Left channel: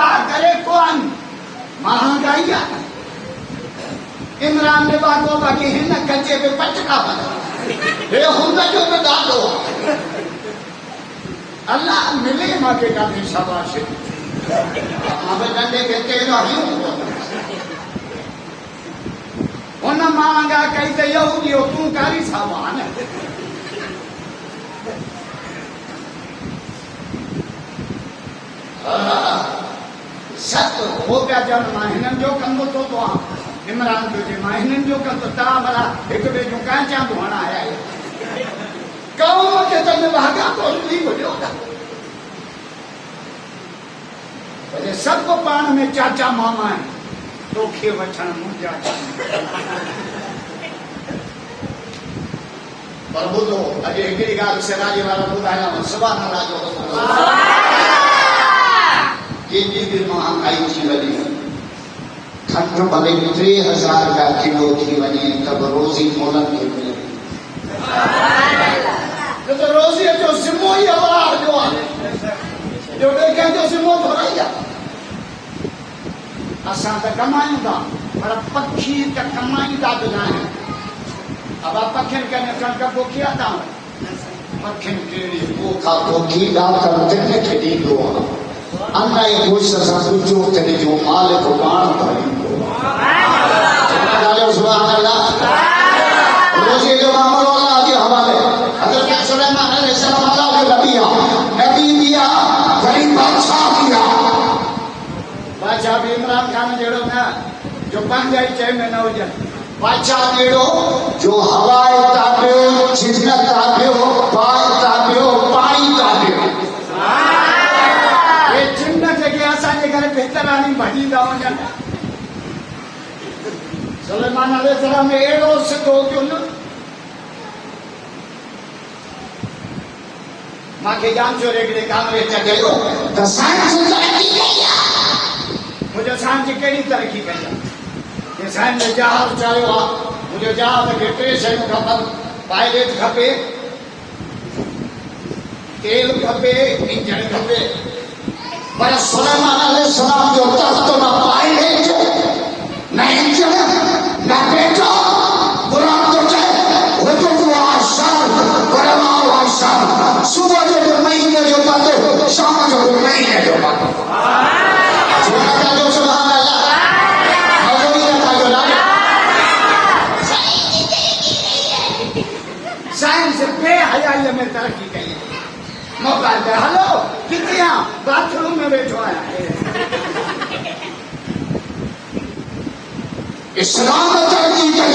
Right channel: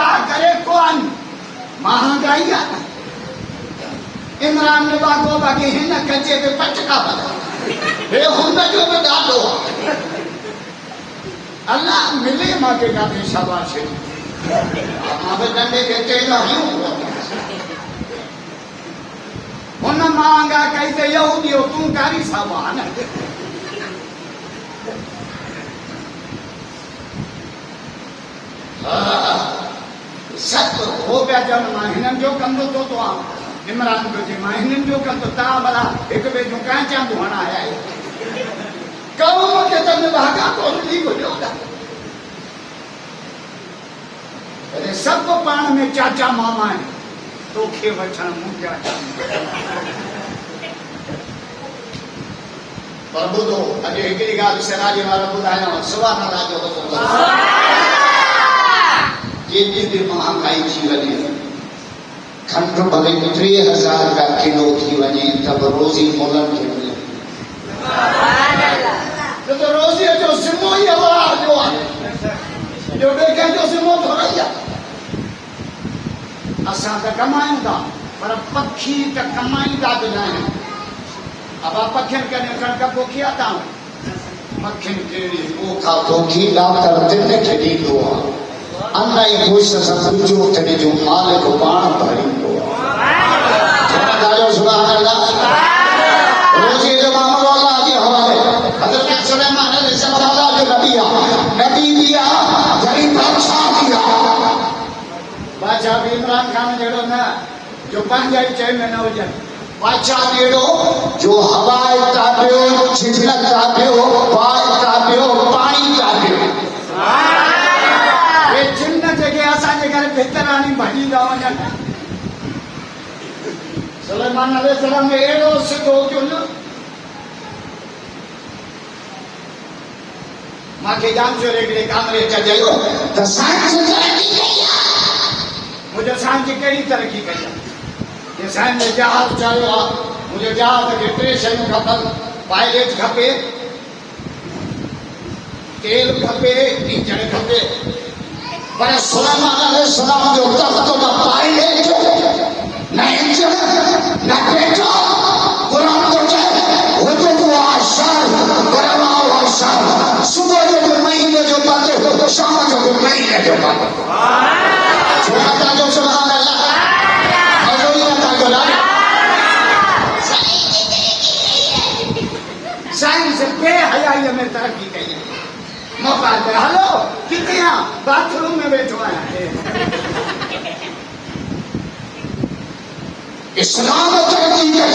खुदा करे कौन महंगाई आहे इमरान में बागो बाकी हिन कचे पे पटका बना हे हुन जो में ॾाढो आहे अल्लाह मिले मांगे का भी शाबाश अब डंडे के तेल आयूं हुन मांगा कई ते यहूदी तू कारी सामान सब हो पिया चवनि मां हिननि जो कंदो तो इमरान जो जे मां हिननि जो कंदो तव्हां भला हिक ॿिए जो कंहिं चवंदो हाणे आया कौम खे त भागा कोन थी वियो अरे सभु पाण में चाचा मामा आहिनि तोखे वठण मुंहिंजा पर ॿुधो अॼु हिकिड़ी ॻाल्हि सिराजे वारा ॿुधायां सुभाणे अल्लाह जो हुकुम केॾी बि महांगाई थी वञे खंड भले 3000 का किलो थी वञे त बि रोज़ी मोलन खे मिले त रोज़ीअ जो ज़िमो ई अलाह जो आहे ॿियो ॿिए कंहिंजो ज़िमो थोरा ई आहे असां त कमायूं था पर पखी त कमाईंदा बि न आहिनि अब पखियुनि खे कणिक पोखी आहे तव्हां पखियुनि कहिड़ी पोखा पोखी डॉक्टर दिल खे ॾींदो आहे अन जी कोशिश सां पूछो तॾहिं जो मालिक पाण भरींदो रोज़ी जो मामलो अल्लाह जे हवाले हज़रत सुलेमान अलैहिस्सलाम अल्लाह जो नबी भी आहे वरी बादशाह भी आहे बादशाह भी इमरान खान जहिड़ो न जो पंहिंजा ई चए में न हुजनि बादशाह अहिड़ो जो हवाए ताबियो झिझल ताबियो बाहि ताबियो पाणी ताबियो ये चिन्ह जेके असांजे घर भितर आणी भॼींदा वञनि सुलेमान अलैहिस्सलाम में अहिड़ो सिधो जो न मूंखे जान जो हिकिड़े कामरे च चयो त साइंस तरक़ी कई आहे मुंहिंजो साइंस कहिड़ी तरक़ी कई आहे ये साइंस में जहाज चाहियो आहे मुंहिंजे जहाज खे 3 शयूं खपनि पायलट खपे तेल खपे इंजन खपे पर सुलेमान अलैहिस्सलाम जो तख्त न पायलट न इंजन न पेट्रोल गुलाम तो चए हुकुम आशान गरमा आशान सुबह जो महीने जो बात शाम जो महीने जो बात जो सुभान अल्लाह साइंस बेहयाई में तरक्की कई है मौका दे हलो किथे बाथरूम में बैठो आया है इस्लाम तरक्की कई